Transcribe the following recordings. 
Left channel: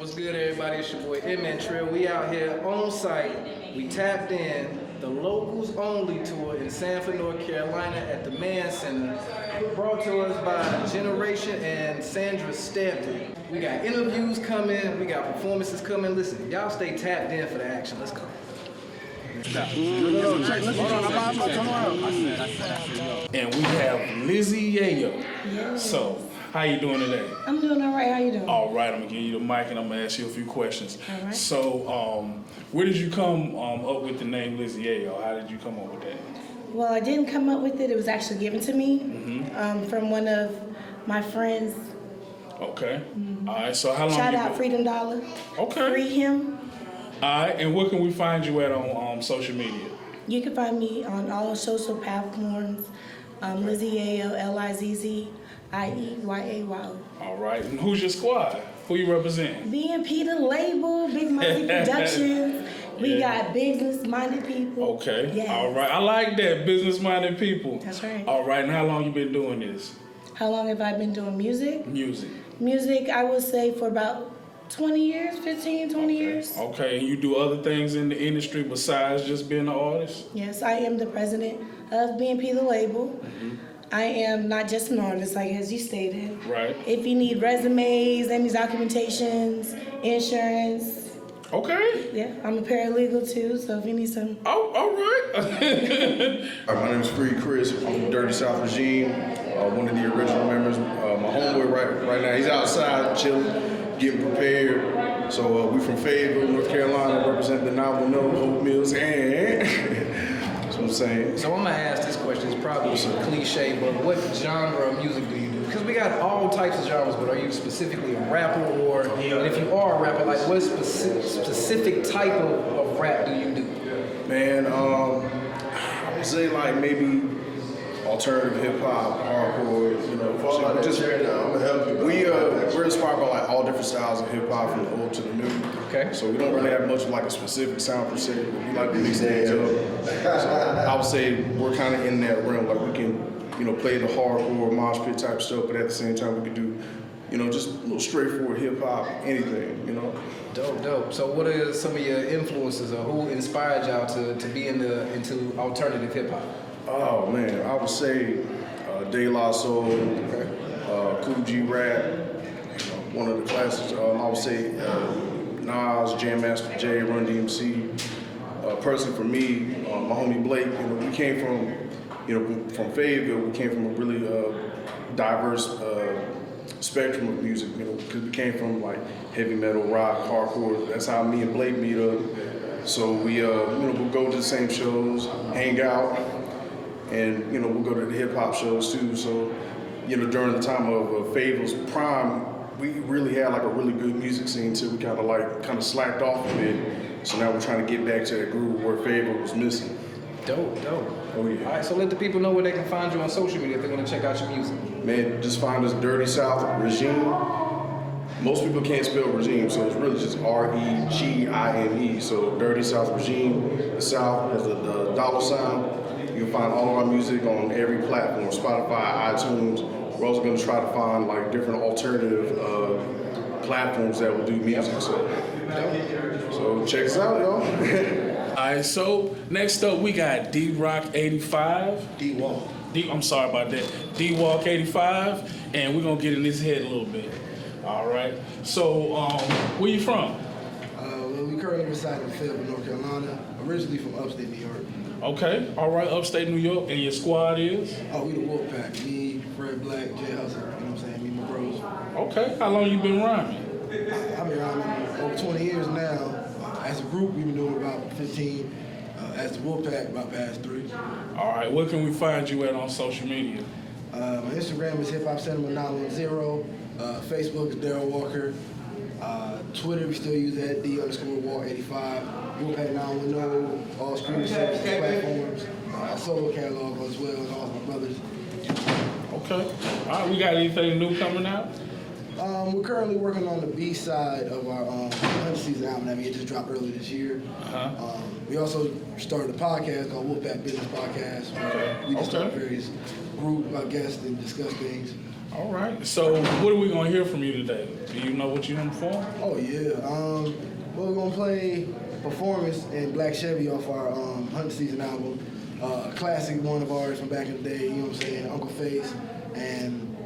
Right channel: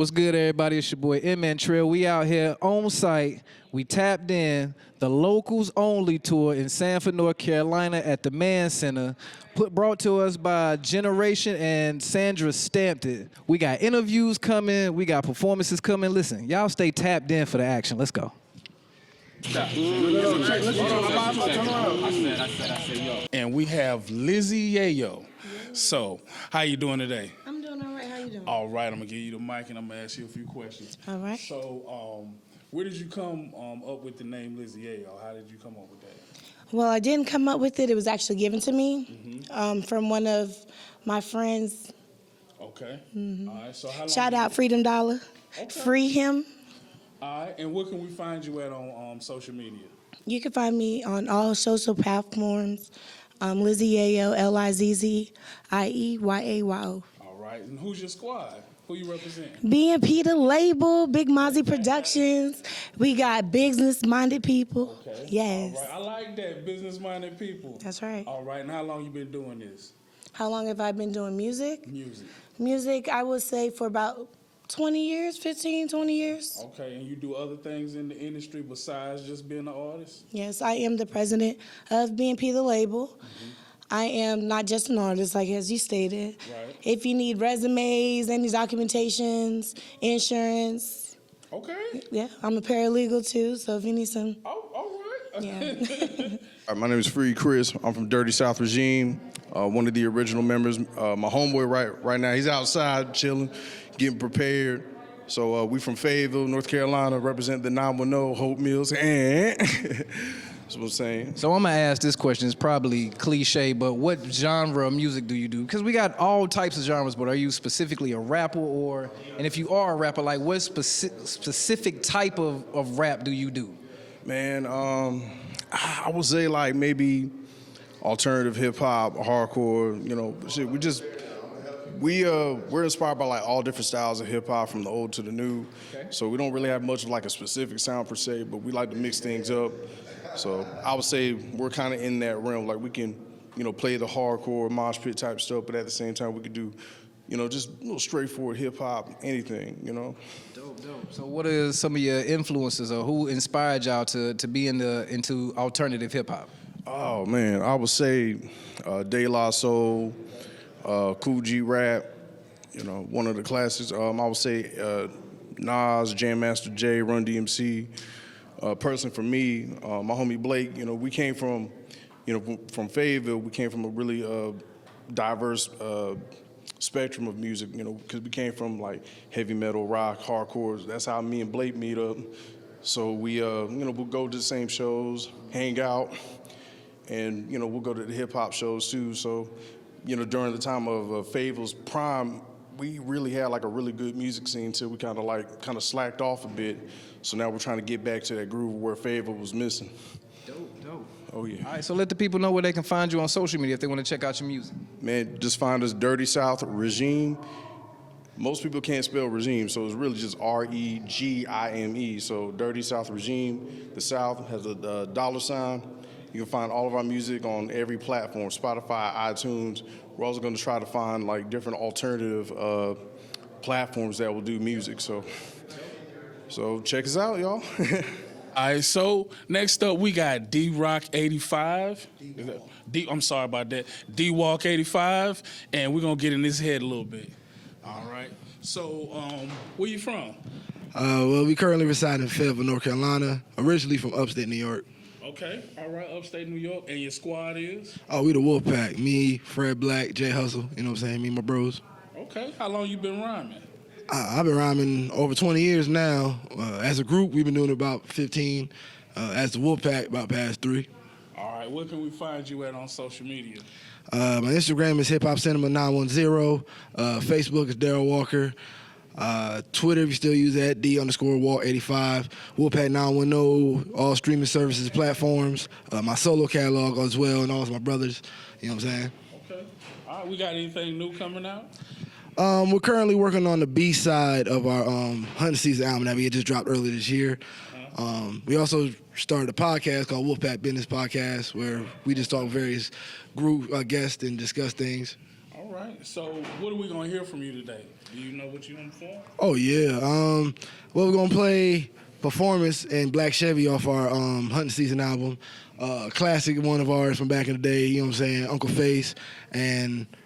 What's good, everybody? It's your boy Antrell. We out here on site. We tapped in the Locals Only tour in Sanford, North Carolina at the Mann Center, brought to us by Generation and SandraStampedit. We got interviews coming. We got performances coming. Listen, y'all stay tapped in for the action. Let's go. And we have Lizzie Yayo. Yeah. So, how you doing today? I'm doing all right. How you doing? All right, I'm gonna give you the mic and I'm gonna ask you a few questions. All right. So, where did you come up with the name Lizzie Yayo? How did you come up with that? Well, I didn't come up with it. It was actually given to me from one of my friends. Okay. All right. So how long? Shout out Freedom Dollar. Okay. Free him. All right. And where can we find you at on social media? You can find me on all social platforms. Lizzie Yayo, LIZZIEYAYO. All right. And who's your squad? Who you represent? BNP the label, Big Mozzie Productions. We got business-minded people. Okay. Yes. All right. I like that, business-minded people. That's right. All right. And how long you been doing this? How long have I been doing music? Music, I would say for about 20 years, 15, 20 years. Okay, and you do other things in the industry besides just being an artist? Yes, I am the president of BNP the label. I am not just an artist, like as you stated. Right. If you need resumes, any documentations, insurance. Okay. Yeah, I'm a paralegal too, so if you need some. Oh, all right. My name is Free Chris. I'm from Dirty South Regime, one of the original members. My homeboy right now, he's outside chilling, getting prepared. So we from Fayetteville, North Carolina, represent the 910 Hope Mills, and that's what I'm saying. So I'm gonna ask this question. It's probably cliche, but what genre of music do you do? Because we got all types of genres, but are you specifically a rapper, or and if you are a rapper, like what specific type of rap do you do? Man, I would say like maybe alternative hip hop, hardcore, you know, shit. We're inspired by like all different styles of hip hop from the old to the new. Okay. So we don't really have much of like a specific sound per se, but we like to mix things up. So I would say we're kind of in that realm. Like we can, you know, play the hardcore mosh pit type stuff, but at the same time we could do, you know, just a little straightforward hip hop, anything, you know. Dope. So what are some of your influences, or who inspired y'all to be into alternative hip hop? Oh man, I would say De La Soul, Cool G Rap, you know, one of the classics. I would say Nas, Jam Master Jay, Run DMC. Personally for me, my homie Blake, you know, we came from, you know, from Fayetteville. We came from a really diverse spectrum of music, you know, because we came from like heavy metal, rock, hardcore. That's how me and Blake meet up. So we, you know, we'll go to the same shows, hang out. And, you know, we'll go to the hip hop shows too. So, you know, during the time of Fayetteville's prime, we really had like a really good music scene till we kind of slacked off a bit. So now we're trying to get back to that groove where Fayetteville was missing. Dope. Oh yeah. All right, so let the people know where they can find you on social media if they want to check out your music. Man, just find us Dirty South Regime. Most people can't spell regime, so it's really just REGIME. So Dirty South Regime. The South has the dollar sign. You can find all of our music on every platform, Spotify, iTunes. We're also going to try to find like different alternative platforms that will do music. So check us out, y'all. All right, so next up we got D-Rock 85. I'm sorry about that. D-Walk 85, and we're going to get in his head a little bit. All right, so where you from? Well, we currently reside in Fayetteville, North Carolina, originally from upstate New York. Okay, all right, upstate New York, and your squad is? Oh, we the Wolfpack. Me, Fred Black, Jay Hustle, you know what I'm saying? Me and my bros. Okay, how long you been rhyming? I've been rhyming over 20 years now. As a group, we've been doing about 15. As the Wolfpack, about past 3. All right, where can we find you at on social media? My Instagram is Hip Hop Cinema 910. Facebook is Daryl Walker. Twitter, we still use that, D_Walk85. Wolfpack 910, all streaming services, platforms. My solo catalog as well, and all of my brothers. You know what I'm saying? Okay. All right, we got anything new coming out? We're currently working on the B-side of our 100 Season album that we had just dropped earlier this year. We also started a podcast called Wolfpack Business Podcast, where we just talk to various group guests and discuss things. All right. So what are we gonna hear from you today? Do you know what you're gonna perform? Oh yeah. We're gonna play Performance and Black Chevy off our Hunting Season album. Classic one of ours from back in the day, you know what I'm saying? Uncle Face. And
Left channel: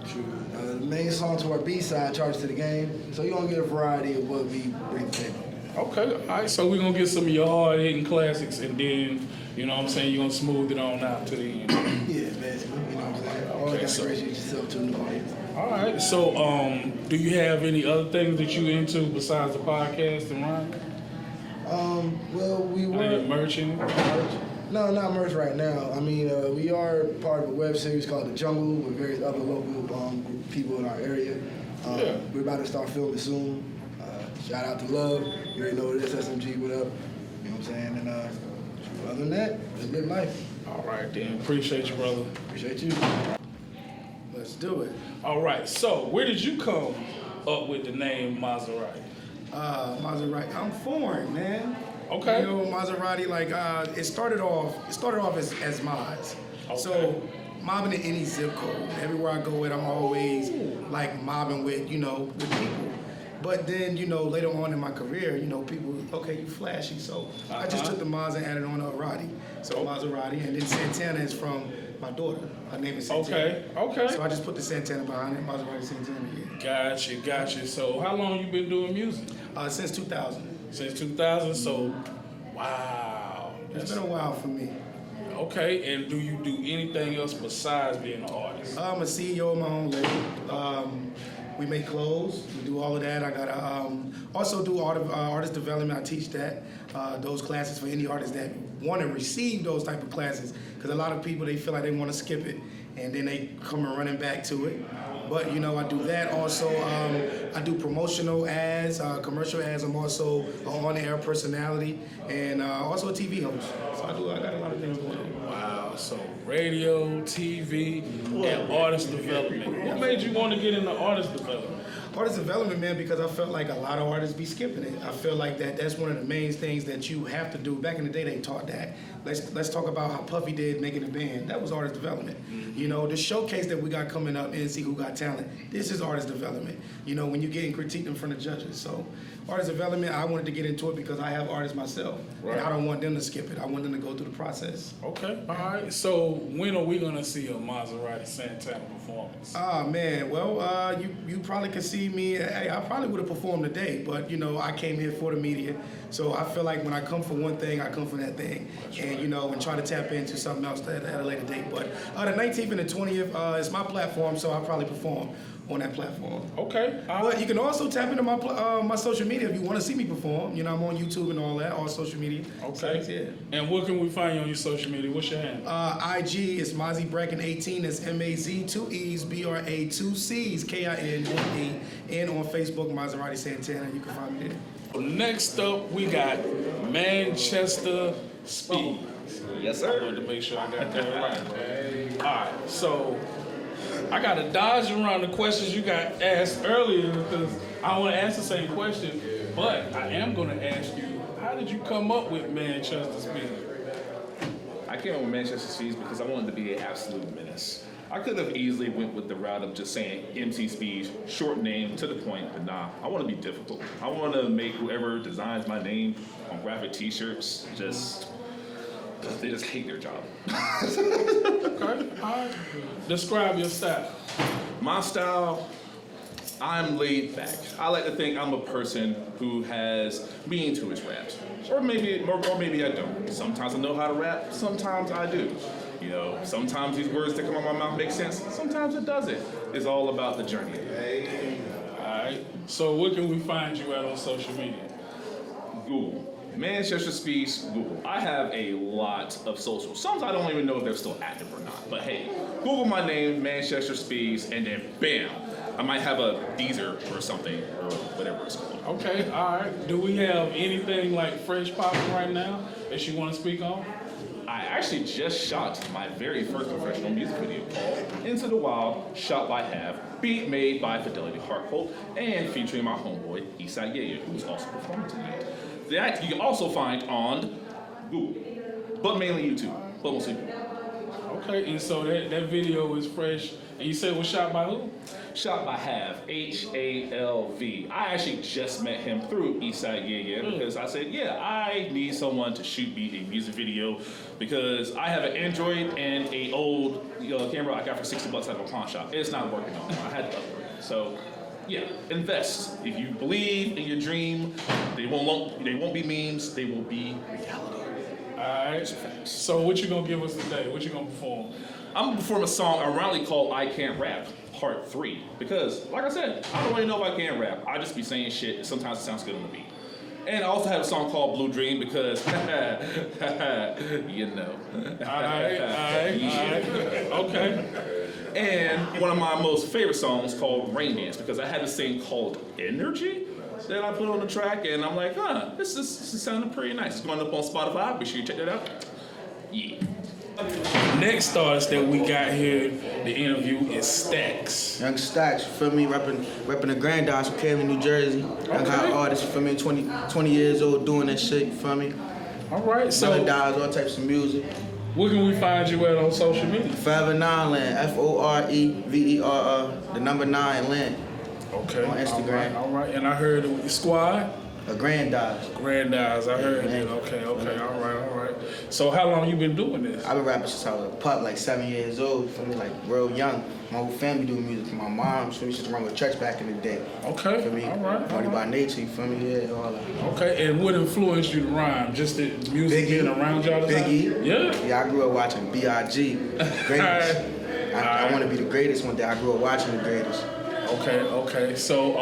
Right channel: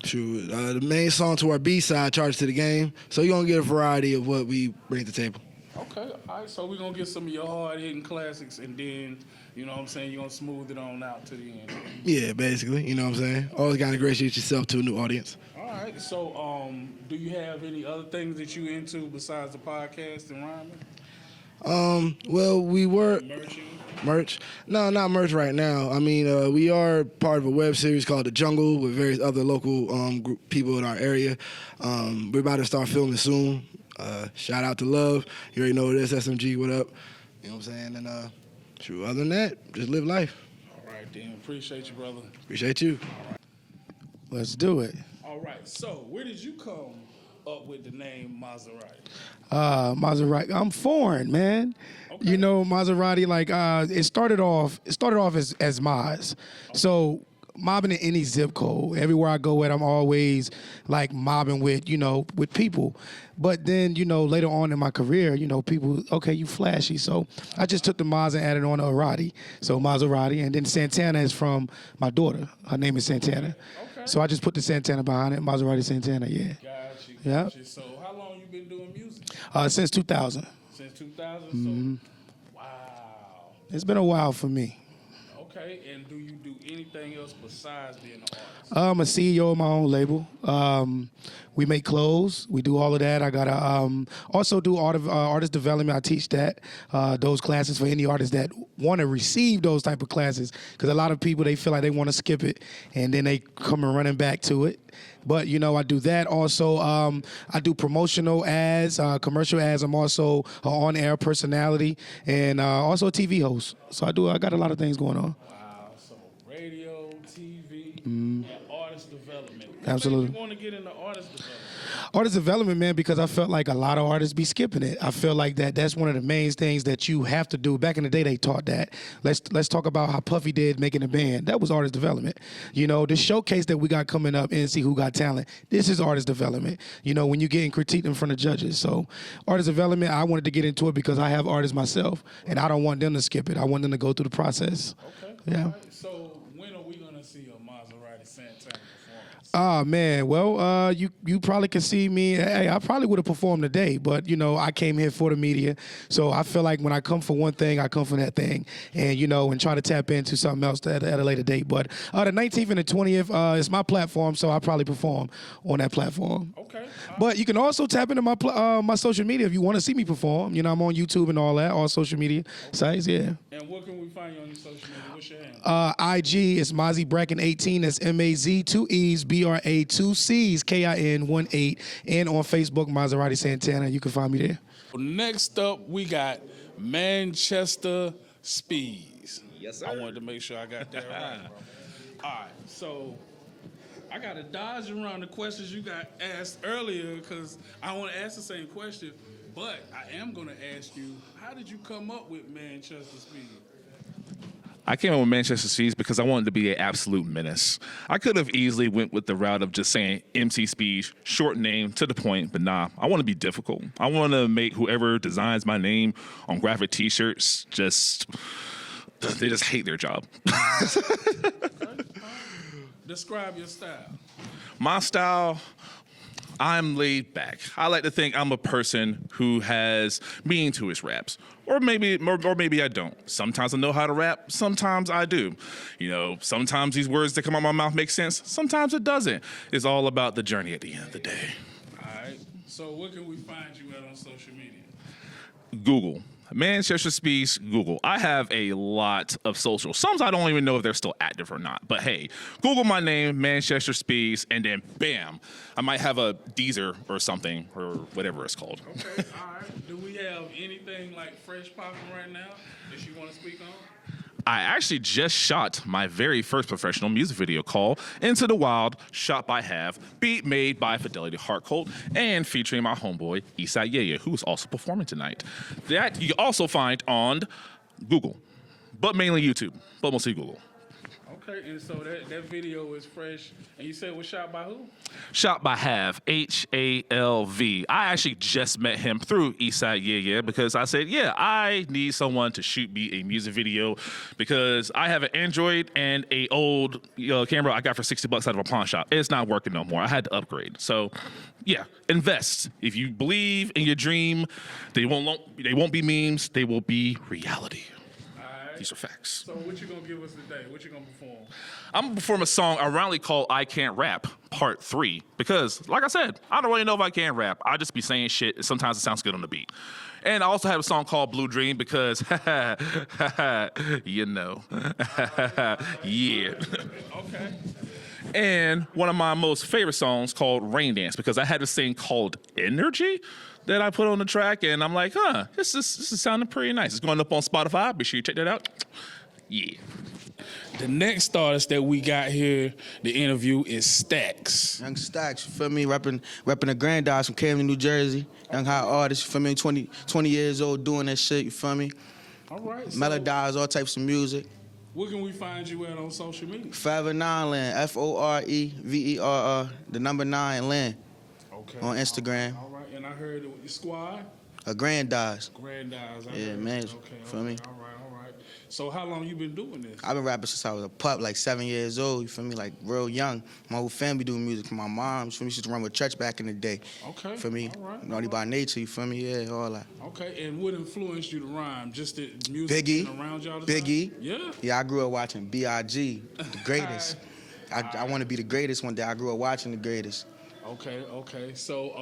the main song to our B-side, Charge to the Game. So you're gonna get a variety of what we bring to the table. Okay. All right. So we're gonna get some of your hard-hitting classics, and then you know what I'm saying, you're gonna smooth it on out to the end. Yeah, basically, you know what I'm saying? Always gotta ingratiate yourself to a new audience. All right. So do you have any other things that you into besides the podcast and rhyme? Well, we were Merch? No, not merch right now. I mean, we are part of a web series called The Jungle with various other local people in our area. We're about to start filming soon. Shout out to Love. You already know this, SMG, what up? You know what I'm saying? And other than that, just live life. All right, then. Appreciate you, brother. Appreciate you. Let's do it. All right. So where did you come up with the name Mazeratti? Mazeratti. I'm foreign, man. Okay. You know, Mazeratti, like, it started off as Maz. Okay. So mobbing in any zip code. Everywhere I go at, I'm always like mobbing with people. But then, later on in my career, people, okay, you flashy. So I just took the Maz and added on a Arati. So Mazeratti. And then Santana is from my daughter. Her name is Santana. Okay. So I just put the Santana behind it. Mazeratti Santana, yeah. Gotcha. So how long you been doing music? Since 2000. Since 2000? So, wow. It's been a while for me. Okay, and do you do anything else besides being an artist? I'm a CEO of my own label. We make clothes. We do all of that. I got to also do artist development. I teach that, those classes for any artists that want to receive those type of classes. Because a lot of people, they feel like they want to skip it, and then they come running back to it. But, I do that. Also, I do promotional ads, commercial ads. I'm also an on-air personality and also a TV host. So I got a lot of things going on. Wow, so radio, TV, and artist development. What Absolutely. made you want to get into artist development? Artist development, man, because I felt like a lot of artists be skipping it. I feel like that's one of the main things that you have to do. Back in the day, they taught that. Let's talk about how Puffy did making a band. That was artist development. The showcase that we got coming up, NC Who Got Talent, this is artist development. When you're getting critiqued in front of judges. So artist development, I wanted to get into it because I have artists myself, and I don't want them to skip it. I want them to go through the process. Okay, all right. So when are we going to see a Mazeratti Santana performance? Man, well, you probably can see me. Hey, I probably would have performed today, but I came here for the media, so I feel like when I come for one thing, I come for that thing, and and try to tap into something else at a later date. But the 19th and the 20th is my platform, so I'll probably perform on that platform. Okay. But you can also tap into my social media if you want to see me perform. I'm on YouTube and all that, all social media sites. Yeah. And where can we find you on your social media? What's your handle? IG is Mozzie Bracken 18. That's MAZ 2 E's BRA 2 C's KIN 18. And on Facebook, Mazeratti Santana. You can find me there. Next up, we got Manchester Speas. Yes, sir. I wanted to make sure I got that right. All right, so I got to dodge around the questions you got asked earlier because I want to ask the same question, but I am going to ask you, how did you come up with Manchester Speas? I came up with Manchester Speas because I wanted to be an absolute menace. I could have easily went with the route of just saying MC Speas, short name, to the point, but nah, I want to be difficult. I want to make whoever designs my name on graphic t-shirts they just hate their job. Okay, all right. Describe your style. My style, I'm laid back. I like to think I'm a person who has meaning to his raps. Or maybe I don't. Sometimes I know how to rap, sometimes I do. Sometimes these words that come out of my mouth make sense, sometimes it doesn't. It's all about the journey at the end of the day. All right. So where can we find you at on social media? Google. Manchester Speas, Google. I have a lot of socials. Some I don't even know if they're still active or not. But hey, Google my name, Manchester Speas, and then bam, I might have a Deezer or something, or whatever it's called. Okay, all right. Do we have anything like fresh popping right now that you want to speak on? I actually just shot my very first professional music video called Into the Wild, shot by Have, beat made by Fidelity Hartcolt, and featuring my homeboy, Lizzie Yayo, who's also performing tonight. That you can also find on Google, but mainly YouTube, but mostly Google. Okay, and so that video is fresh. And you said it was shot by who? Shot by Halv, Halv. I actually just met him through Eastside Yeah because I said, yeah, I need someone to shoot me a music video because I have an Android and a old camera I got for $60 out of a pawn shop. It's not working no more. I had to upgrade. So, yeah, invest. If you believe in your dream, they won't be memes. They will be reality. All right. These are facts. So what you gonna give us today? What you gonna perform? I'm gonna perform a song ironically called I Can't Rap, Part 3. Because, like I said, I don't really know if I can rap. I just be saying shit, and sometimes it sounds good on the beat. And I also have a song called Blue Dream because, you know. Yeah. Okay. And one of my most favorite songs called Rain Dance because I had this thing called Energy that I put on the track, and I'm like, this is sounding pretty nice. It's going up on Spotify. Be sure you check that out. Yeah. Next artist that we got here, the interview is Stacks. Young Stacks, you feel me? Repping the Granddaughter from Camden, New Jersey. Young hot artist, you feel me? 20 years old doing that shit, you feel me? All right, so Melodies, all types of music. where can we find you at on social media? Forever 9 Land, FOREVERR, the number 9 Land. Okay. On Instagram. All right. And I heard the squad. A Granddaughter. Granddaughter, I heard. man. Okay. All right. So how long you been doing this? I've been rapping since I was a pup, like 7 years old, you feel me? Like real young. My whole family doing music. My mom, you feel me? She used to run with church back in the day. Okay. You feel me? All right. Naughty by nature, you feel me? Yeah, all that. Okay. And what influenced you to rhyme? Just the music being around y'all? Biggie. Yeah. Yeah, I grew up watching B.I.G. The greatest. I want to be the greatest one day. I grew up watching the greatest. Okay. So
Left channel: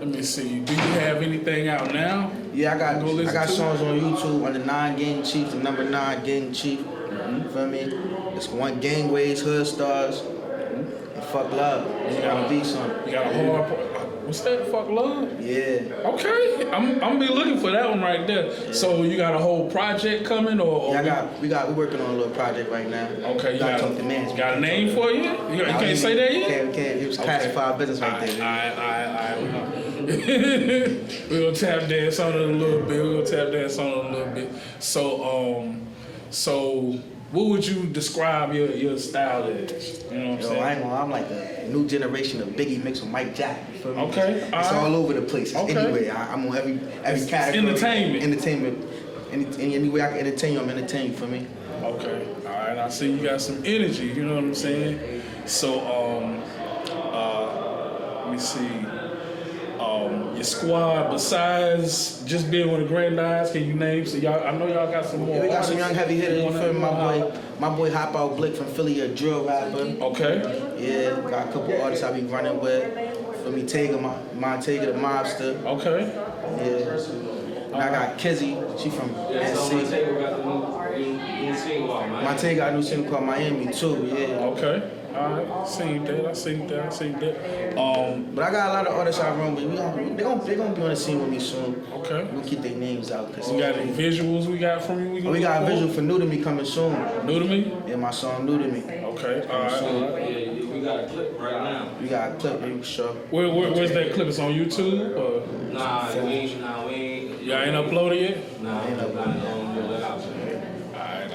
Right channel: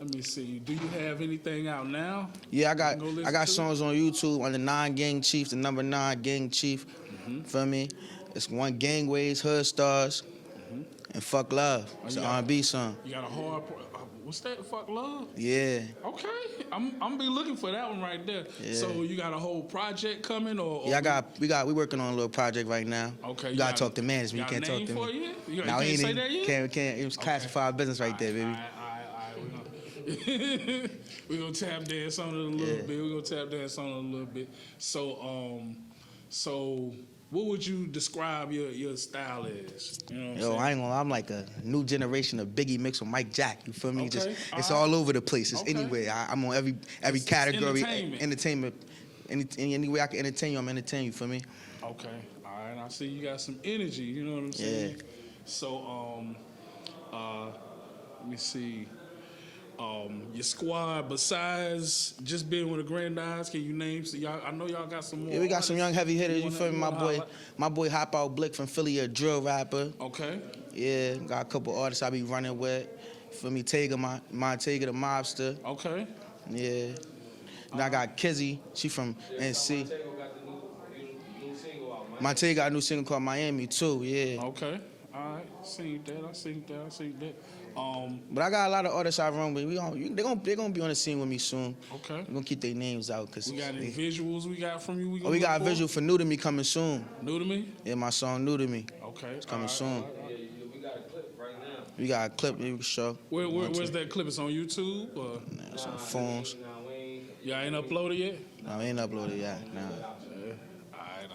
let me see. Do you have anything out now? Yeah, I got to? songs on YouTube on the 9 Gang Chief, the number 9 Gang Chief. You feel me? It's one Gangways, Hood Stars, and Fuck Love. It's gonna be something. You got a hard. What's that? Fuck Love? Yeah. Okay, I'm gonna be looking for that one right there. Yeah. So you got a whole project coming, or yeah, we working on a little project right now. Okay, you gotta talk to management. Got a name for you? You can't say that yet? Can't. It was classified business right there. All right. We're gonna tap dance on it a little bit. So what would you describe your style as? You know what I'm saying? I know, I'm like a new generation of Biggie mixed with Mike Jack. You feel me? Okay. It's all over the place. It's anywhere. I'm on every category. Entertainment. Any way I can entertain you, I'm entertaining you, for me. Okay. All right. I see you got some energy. You know what I'm saying? So let me see. Your squad, besides just being with the Granddaughter, can you name? So y'all, I know y'all got some more. Yeah, we got some young heavy hitters. You feel me? My boy Hop Out Blick from Philly, a drill rapper. Okay. Yeah, got a couple artists I be running with. For me, Tega, my Tega, the mobster. Okay. Yeah. I got Kizzy. She from NC. My Tega got a new single called Miami too. Yeah. Okay. All right, I seen that. But I got a lot of artists I run with. They're gonna be on the scene with me soon. Okay. We'll keep their names out. We got any visuals we got from you? We got a visual for New to Me coming soon. New to Me? Yeah, my song New to Me. Okay. Coming soon. Yeah, we got a clip right now. We got a clip, you sure? Where's that clip? It's on YouTube? Or? Nah, we ain't. Y'all ain't uploaded yet? Nah, ain't uploaded yet.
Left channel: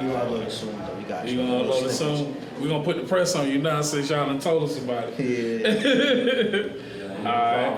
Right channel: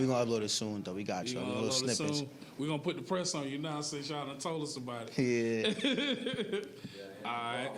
We gonna upload it soon though. We got you. You gonna upload it soon? We gonna put the press on you now since y'all done told us about it. Yeah. All right.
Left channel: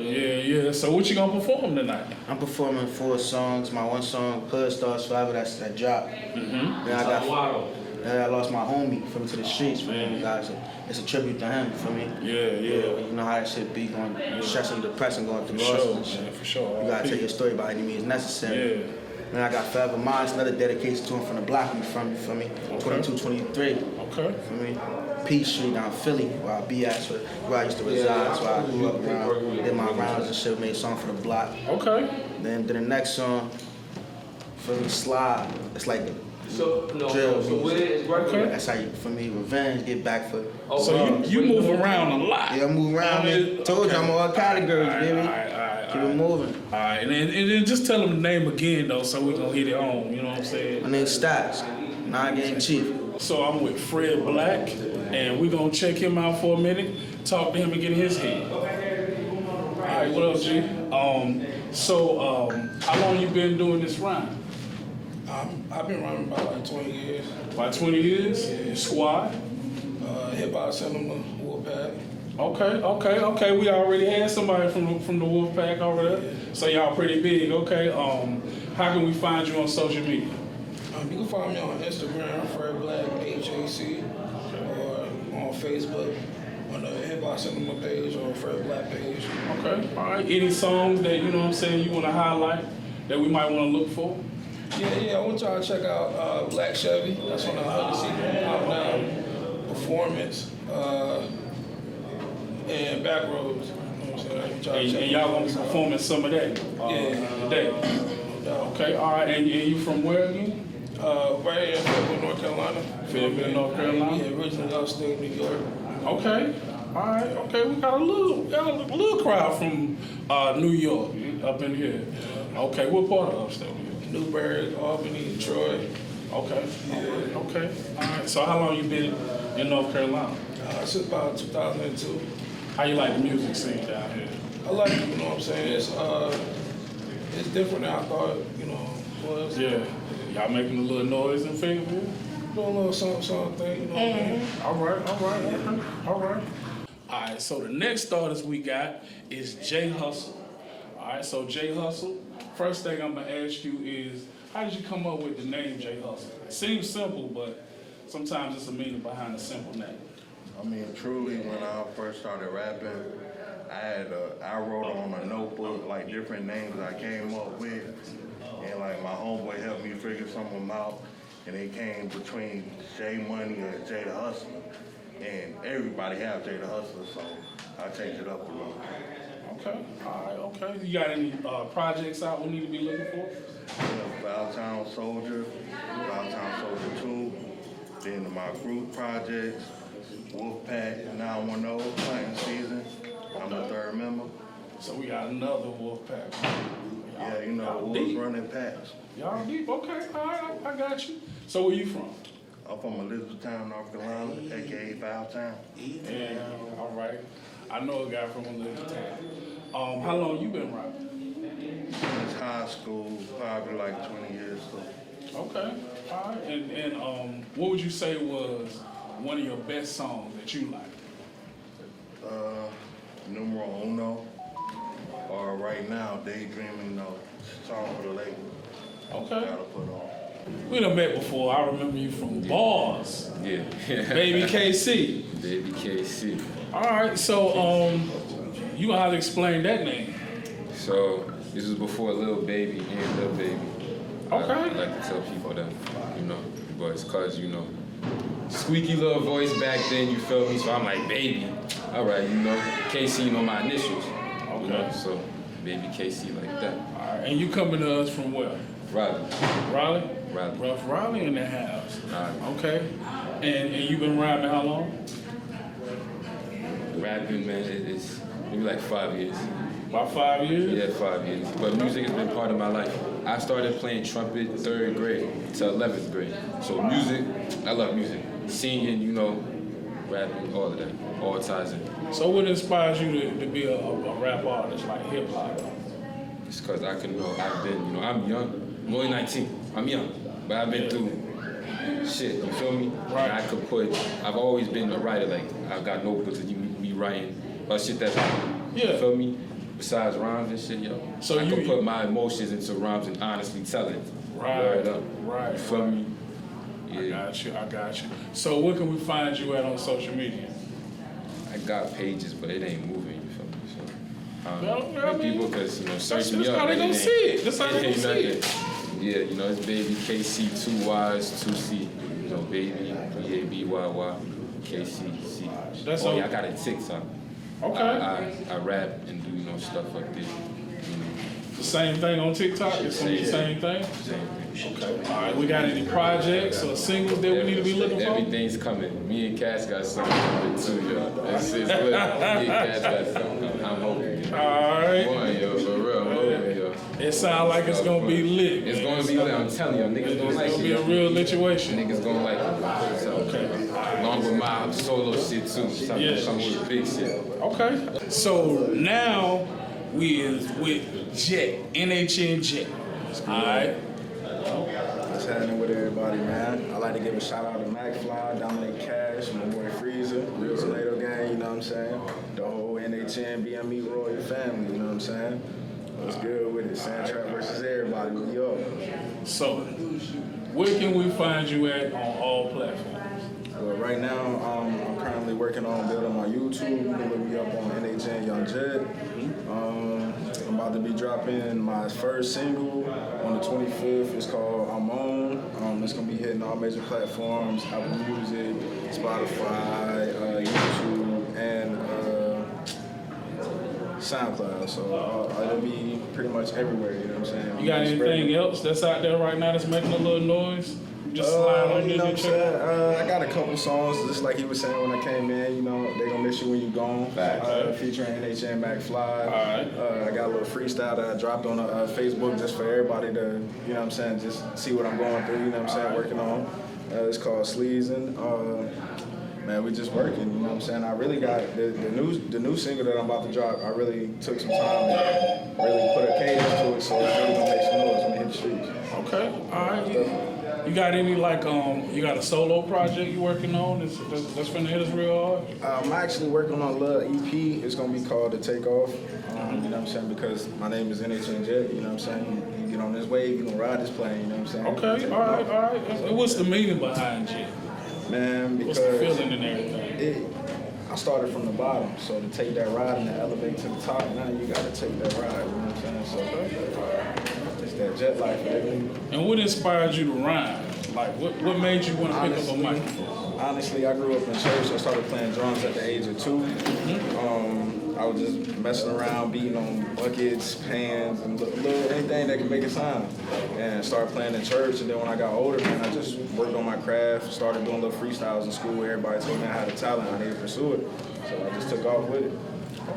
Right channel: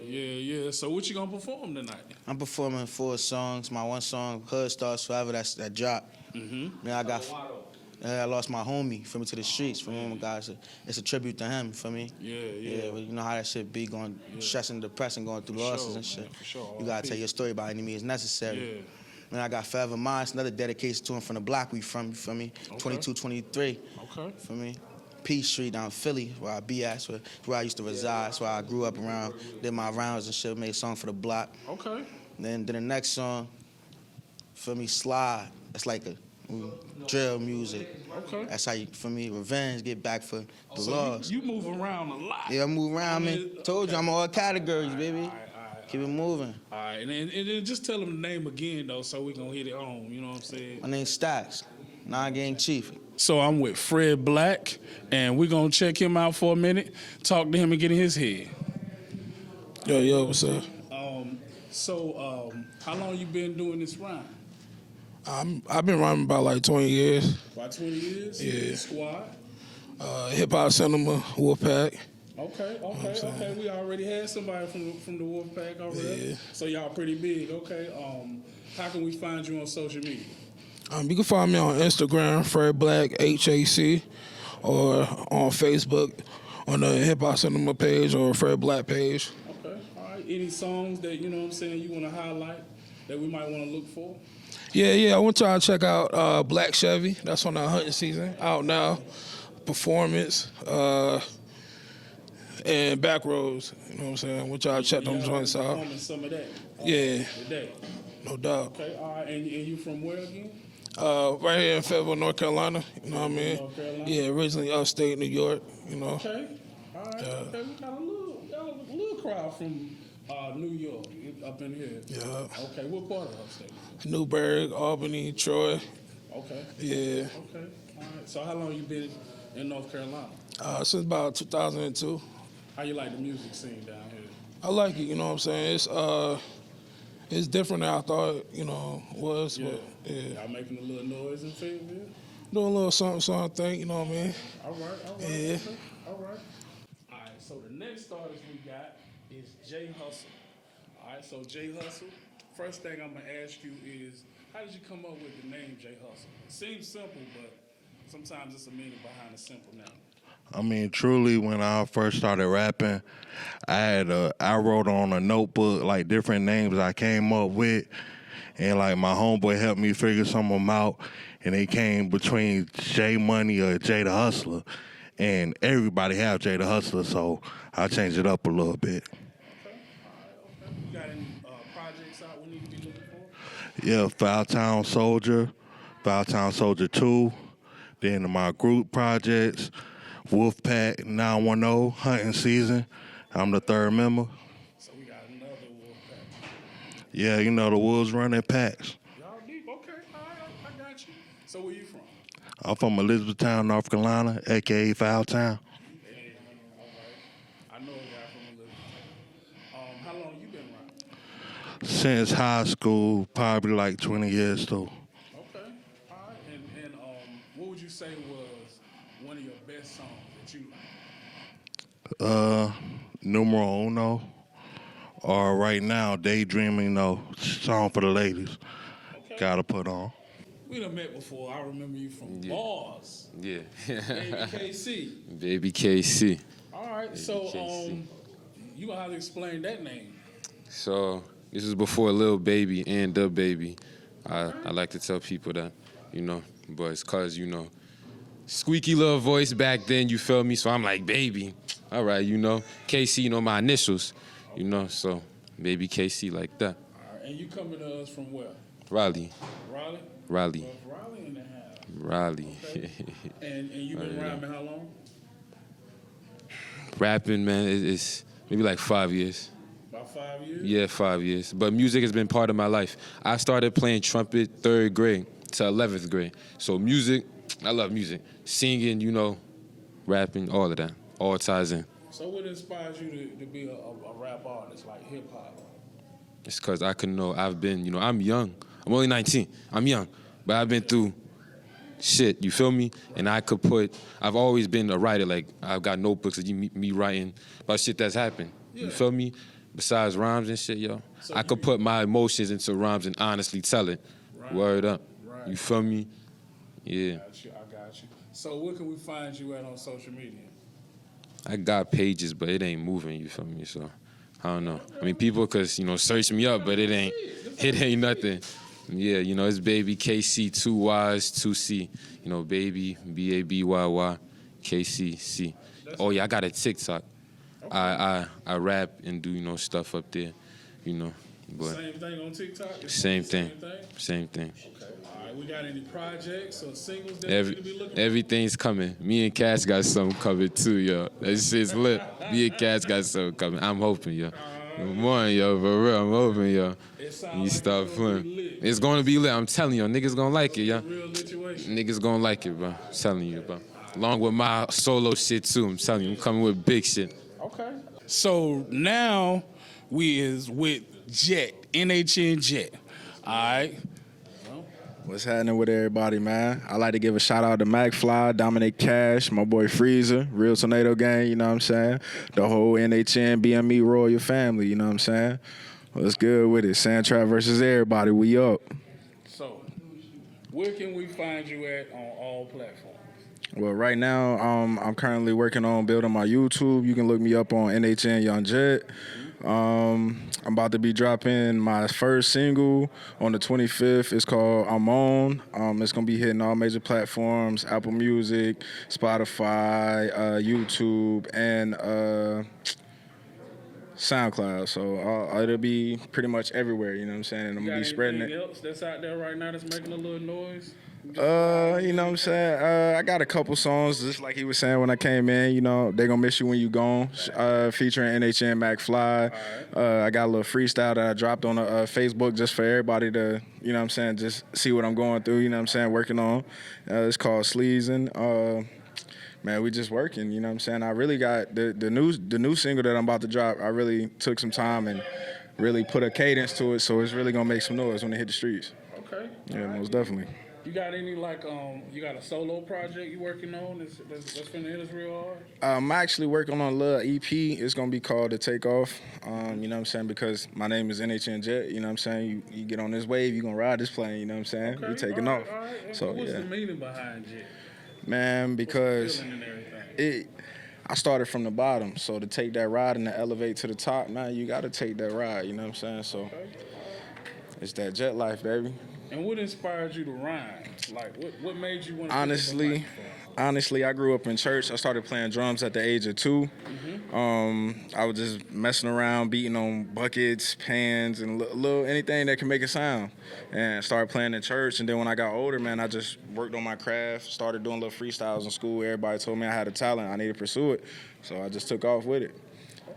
Yeah. So what you gonna perform tonight? I'm performing 4 songs. My one song, Hood Stars Forever, that dropped. Mm-hmm. Then I lost my homie from to the streets, for me, guys. It's a tribute to him, for me. Yeah. You know how that shit be, going, stressing, depressing, going through losses and shit. For sure. You gotta tell your story by any means necessary. Yeah. Then I got Forever Mine, another dedication to him from the block we from, you feel me? 2223. Okay. For me. P Street down Philly, where I be at, where I used to reside, so I grew up around, did my rounds and shit, made a song for the block. Okay. Then the next song, for me, Slide. It's like the drill music. That's how you, for me, revenge, get back for. So you move around a lot. Yeah, I move around, man. Told you I'm all categories, baby. Keep it moving. All right, and then just tell them the name again, though, so we gonna hit it home, you know what I'm saying? My name's Stacks, 9 Gang Chief. So I'm with Fred Black, and we're gonna check him out for a minute, talk to him and get in his head. Yo, So how long you been doing this rhyme? I've been rhyming about like 20 years. About 20 years? Yeah. Squad? Hip Hop Cinema, Wolfpack. Okay. We already had somebody from the Wolfpack already. Yeah. So y'all pretty big. Okay. How can we find you on social media? You can find me on Instagram, Fred Black HAC, or on Facebook on the Hip Hop Cinema page or Fred Black page. Okay. All right. Any songs that you want to highlight that we might want to look for? Yeah. I want y'all to check out Black Chevy. That's on the 100 season out now. Performance and Backroads. You know what I'm saying? I want y'all to check And y'all those gonna out. performing some of that. Today. No doubt. Okay. All right. And you from where again? Right here in Fayetteville, North Carolina. Feel me? North Carolina? Yeah, originally upstate New York. You know? Okay. All right. Okay. We got a little crowd from New York up in here. Yeah. Okay. What part of upstate? Newburgh, Albany, Troy. Okay. Yeah. Okay. All right. So how long you been in North Carolina? Since about 2002. How you like the music scene down here? I like it, you know what I'm saying? It's different than I thought, it was. Yeah. Y'all making a little noise in Fayetteville? Doing a little something thing, you know what I mean? All right. Okay. All right. So the next artist we got is J Hustle. All right. So J Hustle. First thing I'm gonna ask you is, how did you come up with the name J Hustle? It seems simple, but sometimes it's a meaning behind a simple name. I mean, truly, when I first started rapping, I wrote on a notebook like different names I came up with, and like my homeboy helped me figure some of them out, and they came between J Money or J the Hustler, and everybody have J the Hustler, so I changed it up a little bit. Okay. All right. Okay. You got any projects out we need to be looking for? Yeah, Foultown Soldier 2, then my group projects, Wolfpack 910, hunting season. I'm the third member. So we got another Wolfpack. Yeah, the wolves running packs. Y'all deep. Okay. All right. I got you. So where you from? I'm from Elizabethtown, North Carolina, a.k.a. Foultown. And all right. I know a guy from Elizabethtown. How long you been rapping? Since high school, probably like 20 years though. Okay. All right. And what would you say was one of your best songs that you like? Numero Uno. Or right now, Daydreaming, song for the ladies. Okay. Gotta put on. We done met before. I remember you from Bars. Yeah. Babyy KCC. Babyy KCC. All right. So you gonna have to explain that name. So this is before Lil Baby and the Baby. Okay. I like to tell people that, but it's cause squeaky little voice back then, you feel me? So I'm like, baby. All right, KC, my initials, so Babyy KC like that. All right. And you coming to us from where? Raleigh. Raleigh? Raleigh. Rough Raleigh in the house. Raleigh. Okay. And you been rapping how long? Rapping, man, it's maybe like 5 years. About 5 years? Yeah, 5 years. But music has been part of my life. I started playing trumpet 3rd grade to 11th grade. So music, I love music. Singing, rapping, all of that. All ties in. So what inspires you to be a rap artist, like hip hop? It's because I've been, I'm young. I'm only 19. I'm young. But I've been through shit, you feel me? And I've always been a writer. Like, I've got notebooks of me writing about shit that's happened. Yeah. You feel me? Besides rhymes and shit, yo. So I could put my emotions into rhymes and honestly tell it. Right. Word up. Right. You feel me? Yeah. I got you. So where can we find you at on social media? I got pages, but it ain't moving, you feel me? So, I don't know. I mean, people could, search me up, but it ain't nothing. Yeah, it's Babyy KC, 2 Y's, 2 C. Baby, Babyy KCC. Oh, yeah, I got a TikTok. Okay. I rap and do, stuff up there, Same thing on TikTok? Same thing. Same thing? Okay. All right, we got any projects or singles that we need to be looking for? Everything's coming. Me and Kash got something coming too, yo. It's lit. Me and Kash got something coming. I'm hoping, yo. All right. One, yo, for real, I'm hoping, yo. It sounds like it's gonna be lit. It's gonna be lit, I'm telling you, niggas gonna like it, yo. It's a real situation. Niggas gonna like it, bro. I'm telling you, bro. Along with my solo shit too, I'm telling you, I'm coming with big shit. Okay. So now we is with Jett, NHN Jett. All right. What's happening with everybody, man? I'd like to give a shout out to Mack Fly, Domonic, Kash, my boy Freezer, Real Tornado Gang, you know what I'm saying? The whole NHN BME Royal family, you know what I'm saying? What's good with it? SantrapVsEverybody, we up. So, where can we find you at on all platforms? Well, right now, I'm currently working on building my YouTube. You can look me up on NHN Jett. I'm about to be dropping my first single on the 25th. It's called I'm On. It's going to be hitting all major platforms, Apple Music, Spotify, YouTube, and SoundCloud. So it'll be pretty much everywhere, you know what I'm saying? You got anything else that's out there right now that's making a little noise? You know what I'm saying? I got a couple songs, just like he was saying when I came in, you know, They Gonna Miss You When You Gone, featuring NHN Mack Fly. I got a little freestyle that I dropped on Facebook just for everybody to, you know what I'm saying, just see what I'm going through, you know what I'm saying, working on. It's called Sleazing. Man, we just working, you know what I'm saying? I really got the new single that I'm about to drop. I really took some time and really put a cadence to it, so it's really gonna make some noise when it hit the streets. Okay, all right. Definitely. You got any you got a solo project you working on that's finna hit us real hard? I'm actually working on a little EP. It's gonna be called The Takeoff. You know what I'm saying? Because my name is NHN Jett. You know what I'm saying? You get on this wave, you gonna ride this plane. You know what I'm saying? Okay, all right. So what's the meaning behind Jett? Man, because what's the feeling and everything? I started from the bottom, so to take that ride and to elevate to the top, now you gotta take that ride. You know what I'm saying? So it's that jet life, baby. And what inspired you to rhyme? Like, what made you want to Honestly, I grew up in church. I started playing drums at the age of 2. I was just messing around, beating on buckets, pans, and little anything that could make a sound. And started playing in church. And then when I got older, man, I just worked on my craft, started doing little freestyles in school. Everybody told me I had a talent. I needed to pursue it. So I just took off with it.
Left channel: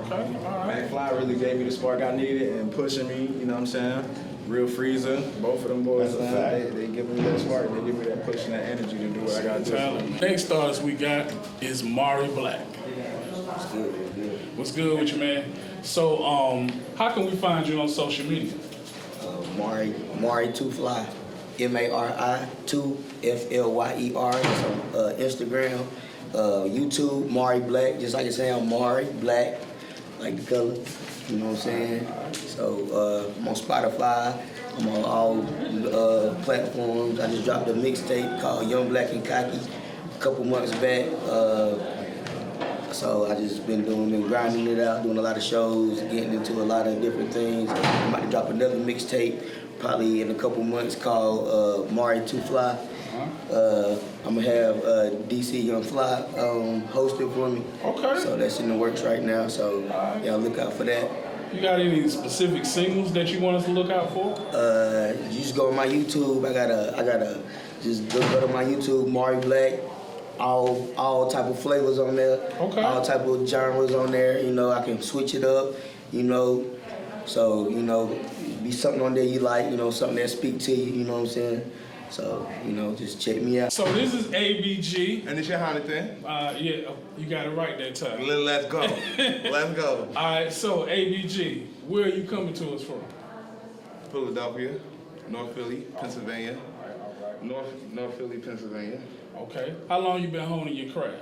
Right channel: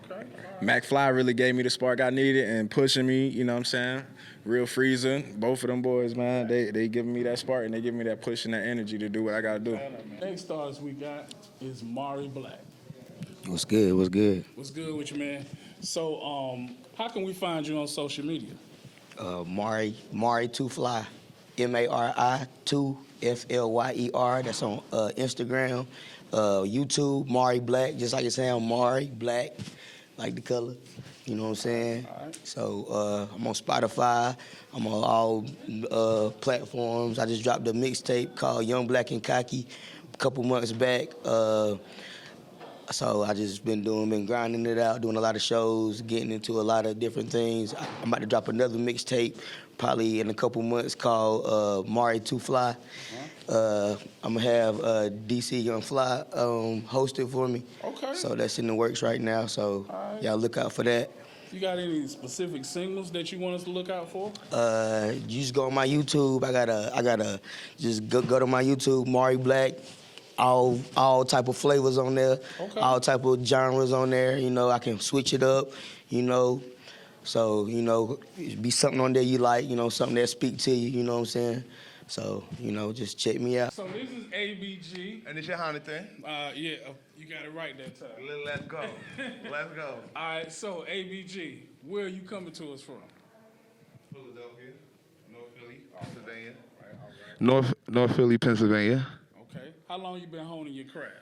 Okay. Mack Fly really gave me the spark I needed and pushing me, you know what I'm saying? Real Freezer, both of them boys, they give me that spark and they give me that push and that energy to do what I gotta do. Next artist we got is Mari Black. What's good? What's good? What's good with you, man? So, how can we find you on social media? Mari 2 Fly, MARI 2 FLYER. It's on Instagram, YouTube, Mari Black. Just like I say, I'm Mari Black, like the color. You know what I'm saying? So I'm on Spotify. I'm on all platforms. I just dropped a mixtape called Young Black and Cocky a couple months back. So I just been grinding it out, doing a lot of shows, getting into a lot of different things. I'm about to drop another mixtape probably in a couple months called Mari 2 Fly. I'm gonna have DC Young Fly host it for me. Okay. So that's in the works right now. So y'all look out for that. You got any specific singles that you want us to look out for? You just go on my YouTube. I gotta just go to my YouTube, Mari Black. All type of flavors on there. Okay. All type of genres on there. You know, I can switch it up. You know, so you know, be something on there you like. You know, something that speak to you. You know what I'm saying? So, you know, just check me out. So this is ABG. And it's Yehonathan. Yeah, you got it right that time. Let's go. Let's go. All right, so ABG, where are you coming to us from? Philadelphia, North Philly, Pennsylvania. North Philly, Pennsylvania. Okay. How long you been honing your craft?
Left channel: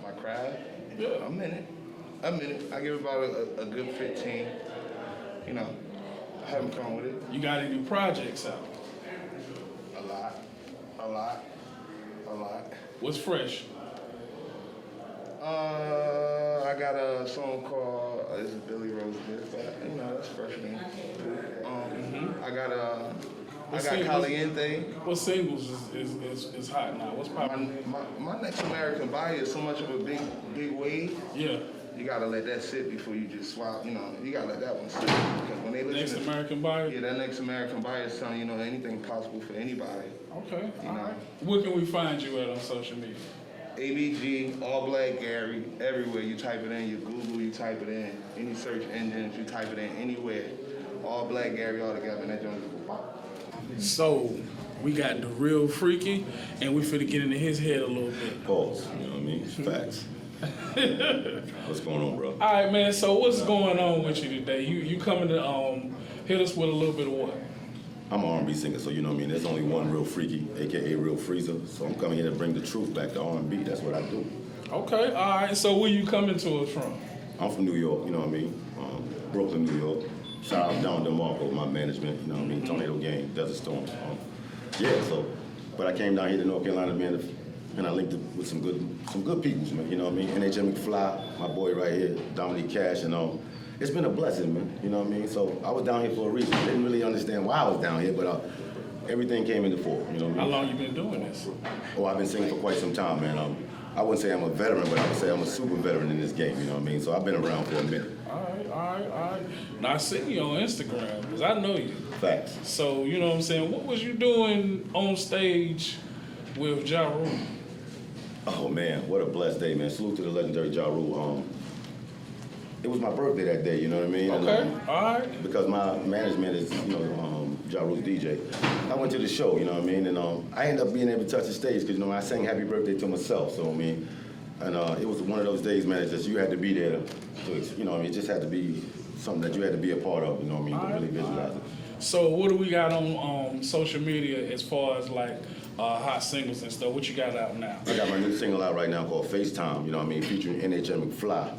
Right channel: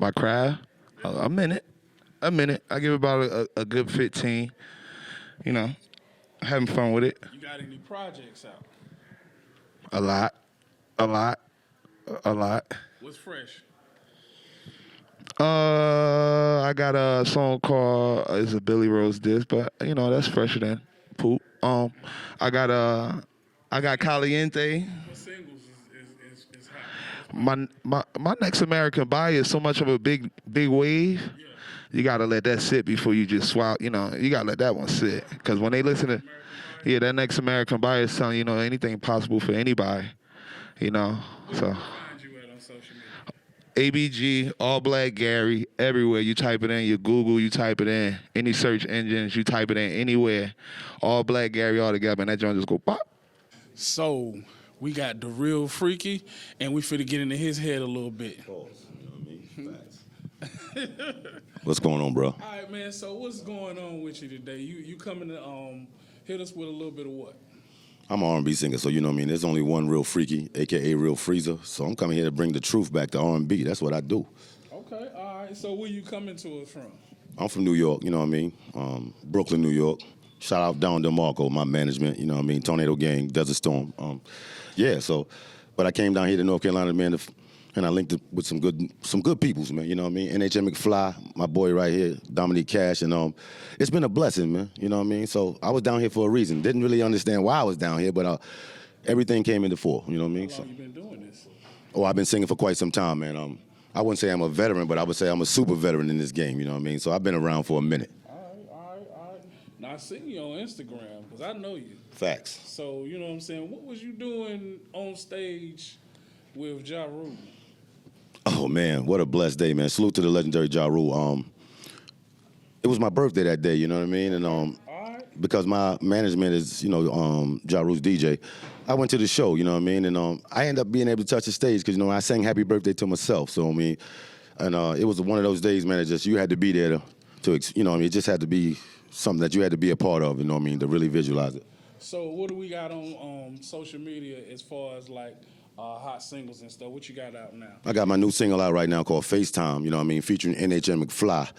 My craft? A minute. I give it about a good 15. You know, having fun with it. You got any projects out? A lot. What's fresh? I got a song called it's a Billy Rose disc, but you know that's fresher than poop. I got Caliente. What singles is hot now? My next American Buyer is so much of a big wave. Yeah. You gotta let that sit before you just swallow. You know, you gotta let that one sit because when they listen to that next American Buyer is telling you know anything possible for anybody. Okay. You know. Where can we find you at on social media? ABG, All Black Gary, everywhere. You type it in, you Google, you type it in, any search engines, you type it in, anywhere. All Black Gary all together, and that joint just go pop. So, we got the Real Freakie, and we finna get into his head a little bit. Pause, you know what I mean? Facts. What's going on, bro? All right, man, so what's going on with you today? You coming to hit us with a little bit of what? I'm an R&B singer, so you know what I mean. There's only one Real Freakie, aka Real Freezer. So I'm coming here to bring the truth back to R&B. That's what I do. Okay, all right. So where you coming to us from? I'm from New York, you know what I mean. Brooklyn, New York. Shout out Don DeMarco, my management, you know what I mean. Tornado Gang, Desert Storm. Yeah, so, but I came down here to North Carolina, man, and I linked up with some good peoples, man. You know what I mean. NHN Mack Fly, my boy right here, Domonic Kash, and it's been a blessing, man. You know what I mean? So I was down here for a reason. Didn't really understand why I was down here, but everything came into fore. You know what I mean? How long you been doing this? Oh, I've been singing for quite some time, man. I wouldn't say I'm a veteran, but I would say I'm a super veteran in this game. You know what I mean? So I've been around for a minute. All right. Now I see you on Instagram because I know you. Facts. So you know what I'm saying. What was you doing on stage with Ja Rule? Oh man, what a blessed day, man. Salute to the legendary Ja Rule. It was my birthday that day, you know what I mean? Okay. And All right. because my management is, Ja Rule's DJ, I went to the show, you know what I mean? And I ended up being able to touch the stage because, I sang happy birthday to myself, so I mean, and it was one of those days, man, you had to be there to it just had to be something that you had to be a part of, you know what I mean, to really visualize it. So what do we got on social media as far as like hot singles and stuff? What you got out now? I got my new single out right now called FaceTime, you know what I mean, featuring NHN Mack Fly.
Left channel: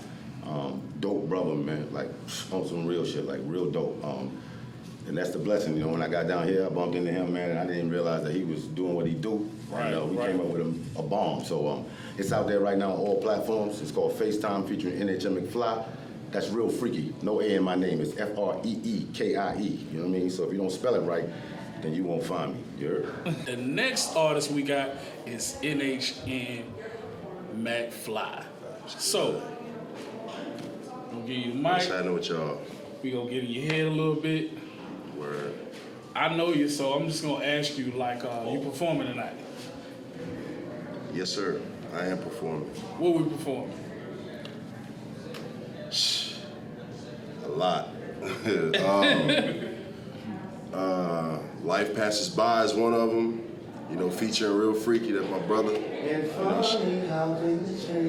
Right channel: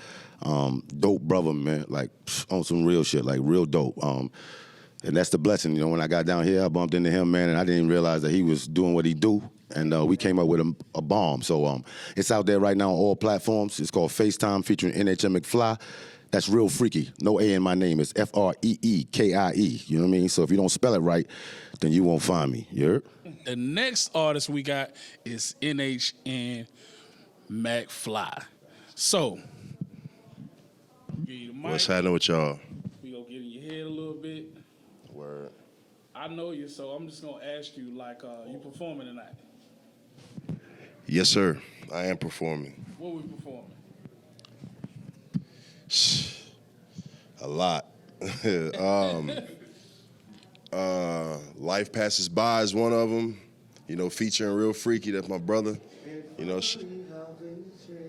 Dope brother, man, like on some real shit, like real dope. And that's the blessing, when I got down here, I bumped into him, man, and I didn't even realize that he was doing what he do. And we came up with a bomb. So it's out there right now on all platforms. It's called FaceTime featuring NHN Mack Fly. That's Real Freaky. No A in my name. It's F-R-E-E-K-I-E. You know what I mean? So if you don't spell it right, then you won't find me. You heard? The next artist we got is NHN Mack Fly. So, give you the mic. What's happening with y'all? We gonna get in your head a little bit. Word. I know you, so I'm just gonna ask you, like, you performing tonight? Yes, sir. I am performing. What we performing? A lot. Life Passes By is one of them. Featuring Real Freakie, that's my brother.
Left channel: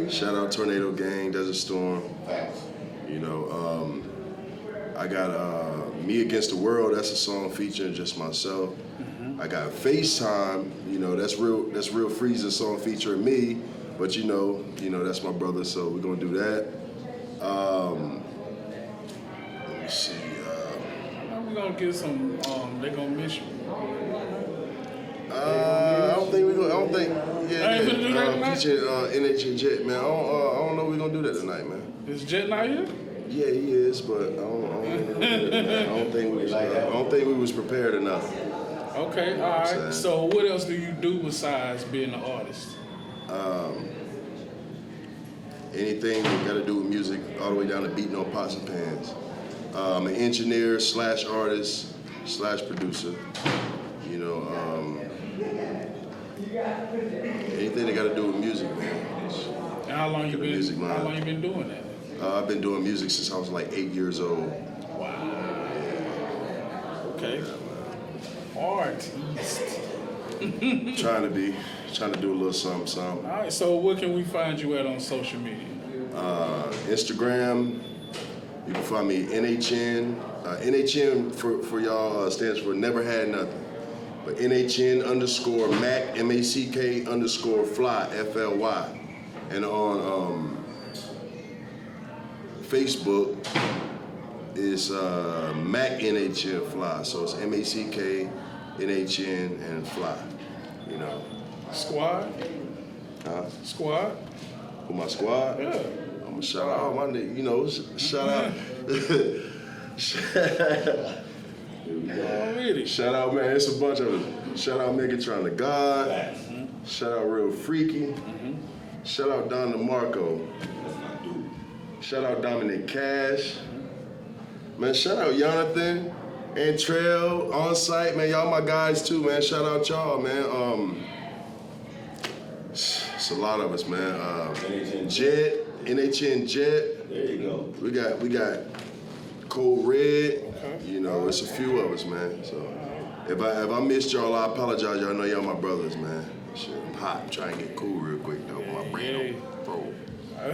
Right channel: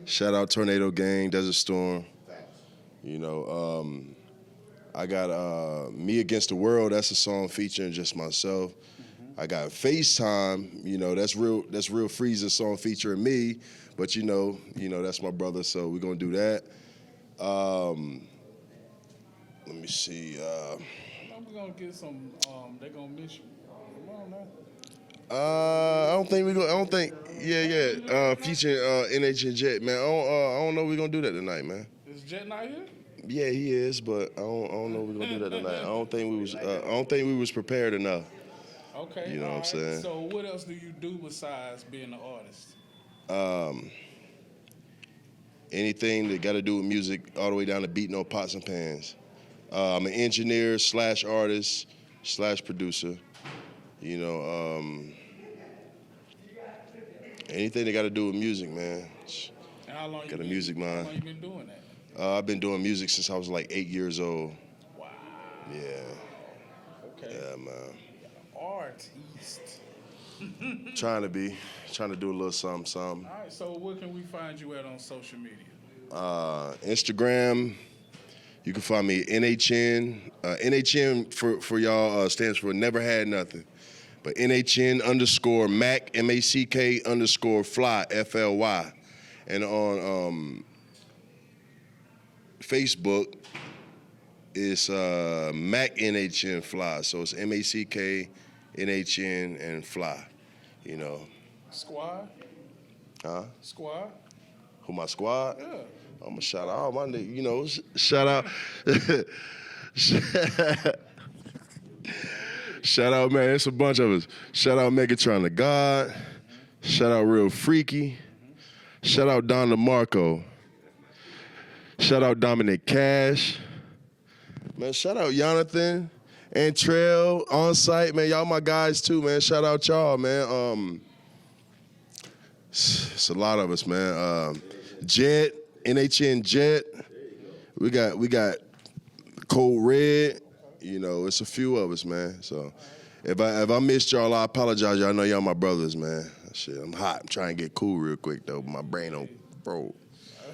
Shout out Tornado Gang, Desert Storm. I got Me Against the World, that's a song featuring just myself. I got FaceTime, that's Real Freeze's song featuring me, but that's my brother, so we're gonna do that. Let me see. We're gonna get some, they gonna miss you. I don't think, featuring NHN Jett, man. I don't know if we're gonna do that tonight, man. Is Jett not here? Yeah, he is, but I don't know if we're gonna do that tonight. I don't think we was prepared enough. Okay, all right. So what else do you do besides being an artist? Anything got to do with music, all the way down to beating on pots and pans. I'm an engineer / artist / producer. Anything that got to do with music, man. And how long you been doing that? I've been doing music since I was like 8 years old. Wow. Okay. Yeah, Artist. Trying to do a little something. All right, so where can we find you at on social media? Instagram, you can find me NHN. NHN for y'all stands for Never Had Nothing. But NHN _Mack, MACK _Fly, FLY. And on Facebook, it's Mack NHN Fly. So it's MACK, NHN, and Fly. Squad? Squad? Who, my squad? Yeah. I'm gonna shout out all my niggas, shout out. Shout out, man, it's a bunch of us. Shout out Megatron the God. Shout out Real Freakie. Shout out Don DeMarco. Shout out Dominic Kash. Man, shout out Yehonathan, Antrell, OnSight, man, y'all my guys too, man. Shout out y'all, man. It's a lot of us, man. Jett, NHN Jett. There you go. We got Code Red. It's a few of us, man. So if I missed y'all, I apologize. Y'all know y'all my brothers, man. Shit, I'm hot. I'm trying to get cool real quick though. My brain don't bro.